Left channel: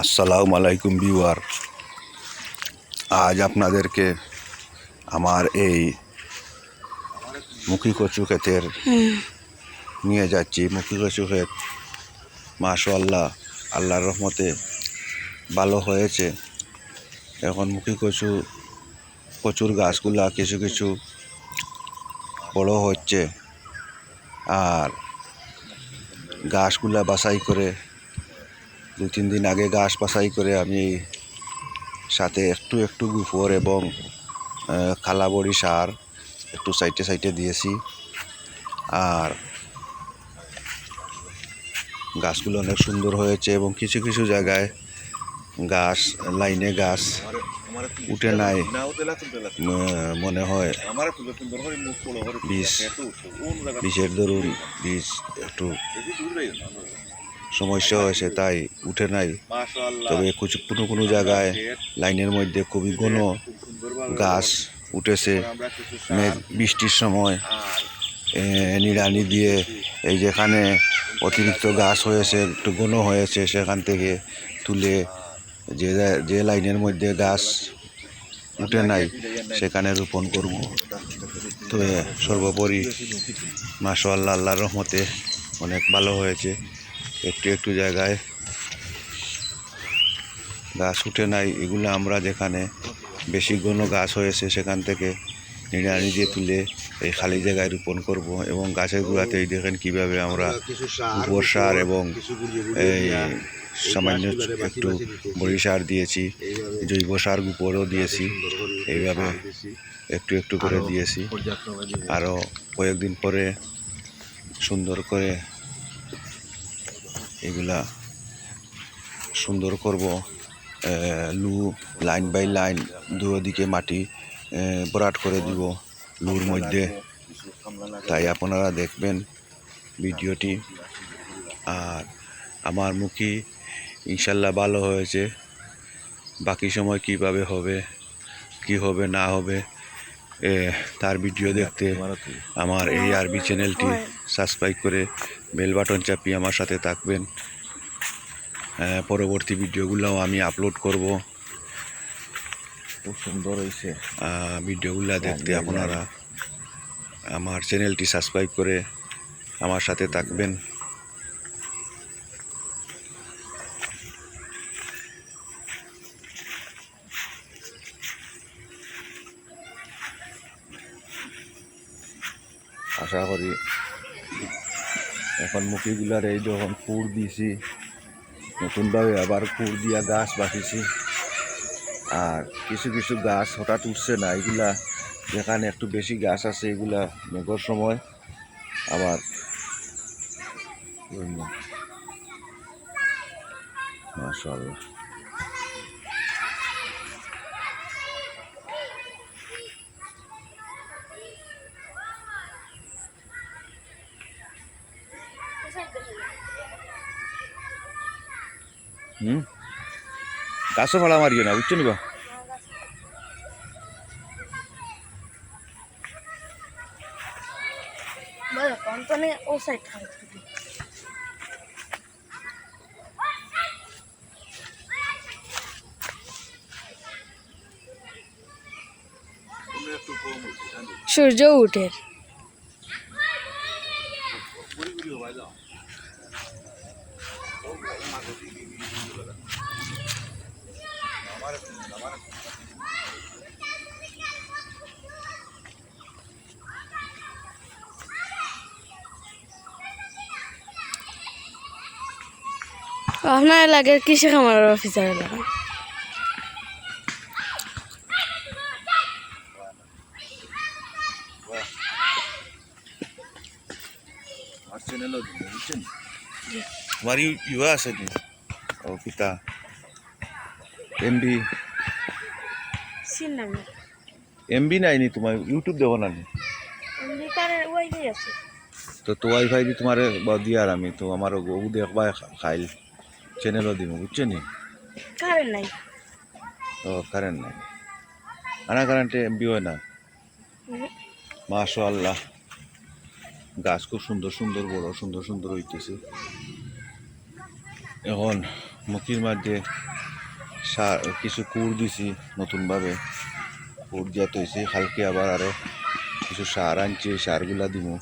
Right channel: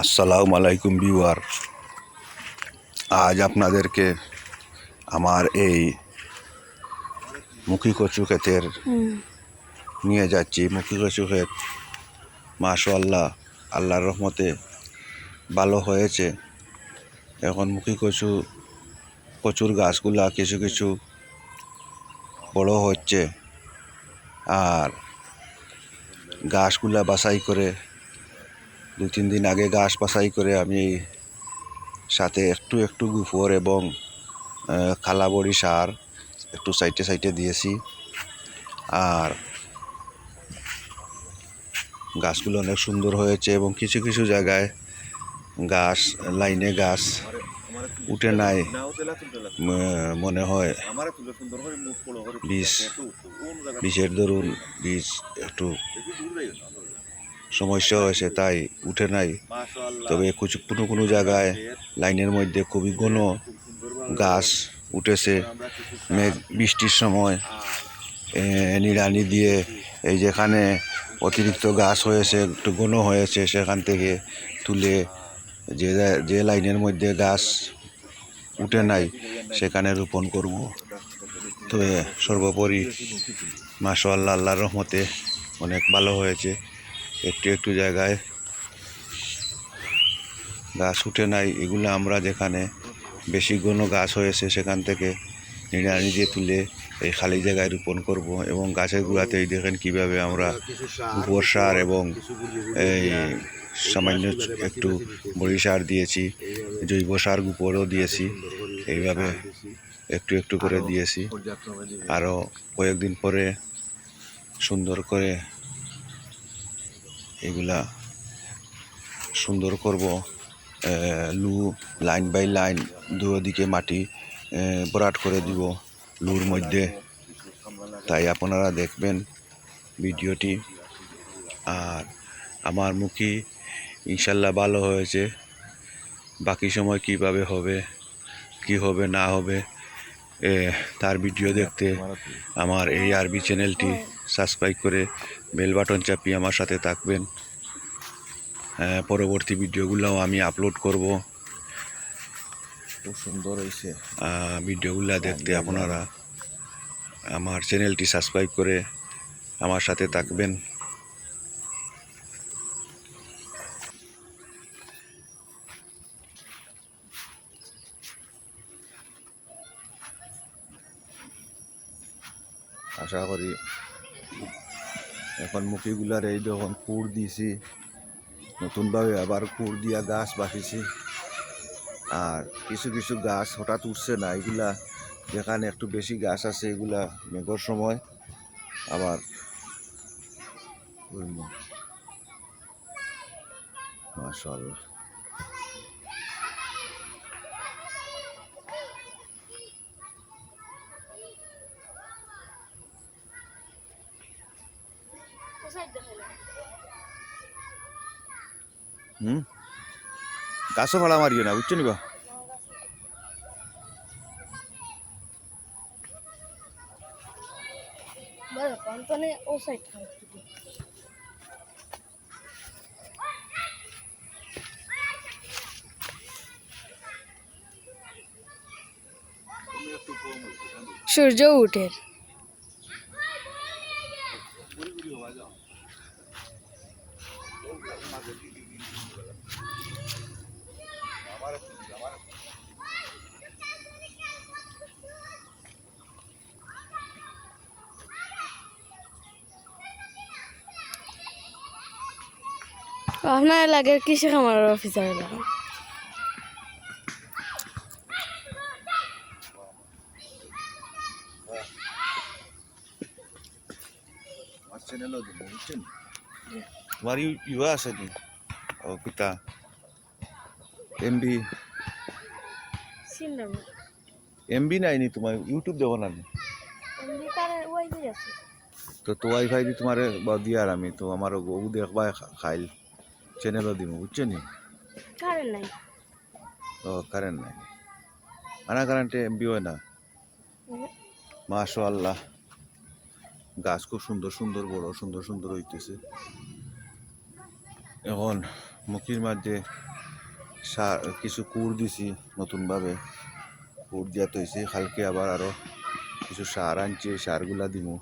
আসসালামু আলাইকুম বিওয়ার আজ আপনাদেরকে আমার এই মুখী কচু ক্ষেতের নিয়ে যাচ্ছি। মুখী কচু ক্ষেত মাশাল্লাহ আল্লাহর রহমতে ভালো হয়েছে। এখন মুখী কচু কচুর গাছগুলা কিছু কিছু বড় হচ্ছে। আর গাছগুলা বাছাই করে দু তিন দিন আগে ঘাস বাছাই করে আমি সাথে একটু একটু গুফর এবং খালাবড়ি সার একটু সাইটে সাইটে দিয়েছি। আর গাছগুলো অনেক সুন্দর হয়েছে এবং কিছু কিছু জায়গায় গাছ, লাইনে গাছ উঠে নাই মনে হয় বীজ বীজের ধরুন বীজ একটু সমস্যা হয়েছে, তাই উঠে নাই। তবে কিছু কোনো কোনো জায়গায় লাইনের মধ্যে খুবই ঘন গাছ উঠেছে। মেঘ বৃষ্টির সময় নিড়ানি দিয়ে এই যেখানে অতিরিক্ত গাছ হয়েছে, একটু ঘন হয়েছে, সেখান থেকে তুলে যে যে লাইনের মধ্যে গাছ উঠে নাই, সেখানে রোপণ করব। তবে সর্বোপরি মাসা আল্লাহ আল্লাহর রহমতে অনেক ভালো হয়েছে। একটু একটু জায়গায়। গাছ উঠে নাই, এগুলো আমরা যেখানে বেশি ঘন গাছ হয়েছে সেখান থেকে নিড়ানি দিয়ে তুলে এই খালি জায়গায় রোপণ করব এবং গাছের গোড়াতে এই দেখেন কীভাবে আমরা গোবর সার এবং এই সামান্য একটু বড়ি সার দিয়েছি, জৈব সার গোবরও দিয়েছি, এইভাবে একটু একটু করে দিয়েছি। আরও কয়েকদিন পরে সুন্দর করে এগুলা সুন্দর করব লু লাইন বাই লাইন দুদিকে মাটি ভরাট করে দিব লুর মধ্যে। তাই আপনারা দেখবেন ভিডিওটি। আর আমার মুখী ইনশাল্লাহ ভালো হয়েছে। বাকি সময় কীভাবে হবে, কি হবে, না হবে তার ভিডিও দেখতে আমার এই আরবি চ্যানেলটি সাবস্ক্রাইব করে বেল বাটন চাপিয়ে আমার সাথে থাকবেন। আহ, পরবর্তী ভিডিওগুলোও আমি আপলোড করব। খুব সুন্দর হয়েছে। ভিডিওগুলো দেখতে আপনারা আমার চ্যানেলটি সাবস্ক্রাইব করে আমার সাথে থাকবেন। আশা করি এখন মুখিগুলার এই যখন পুর দিয়েছি নতুনভাবে আবার পুর দিয়া গাছ বাঁচিছি আর কিছু কিছু গাছ হঠাৎ উঠছে না, এগুলা যেখানে একটু বেশি গাছ আছে, এগুলা মেঘর সময়। আবার মাশাআল্লাহ। ভাড়া মারিও না বুঝছ নিবা Vale, কোম্পানি ও সাইড খারাপ সূর্য উঠে। আপনার এলাকার কৃষি খামারের অফিসার এলাকা তোমার ইউ ইউয়া আছে ও পিতা এমবি এমবি নাই। নি তোমার ইউটিউব দেবো না তো তো ওয়াইফাই দি তোমার দিয়ার আমি তো আমার গু দেখবা খাই চ্যানেলও দিব বুঝছ নি? কারেন্ট নাই। ও কারেন্ট নাই। আনা কারেন্টে এমবি হয় না? হুম। মাশা আল্লাহ গাছ খুব সুন্দর সুন্দর বড় সুন্দর সুন্দর হইতেছে। এখন মুখির মাঝে সার কিছু কুড় দিছি নতুনভাবে। কুড় দিয়া তৈছি কালকে আবার আরও কিছু সার আনছি সারগুলা দিমু।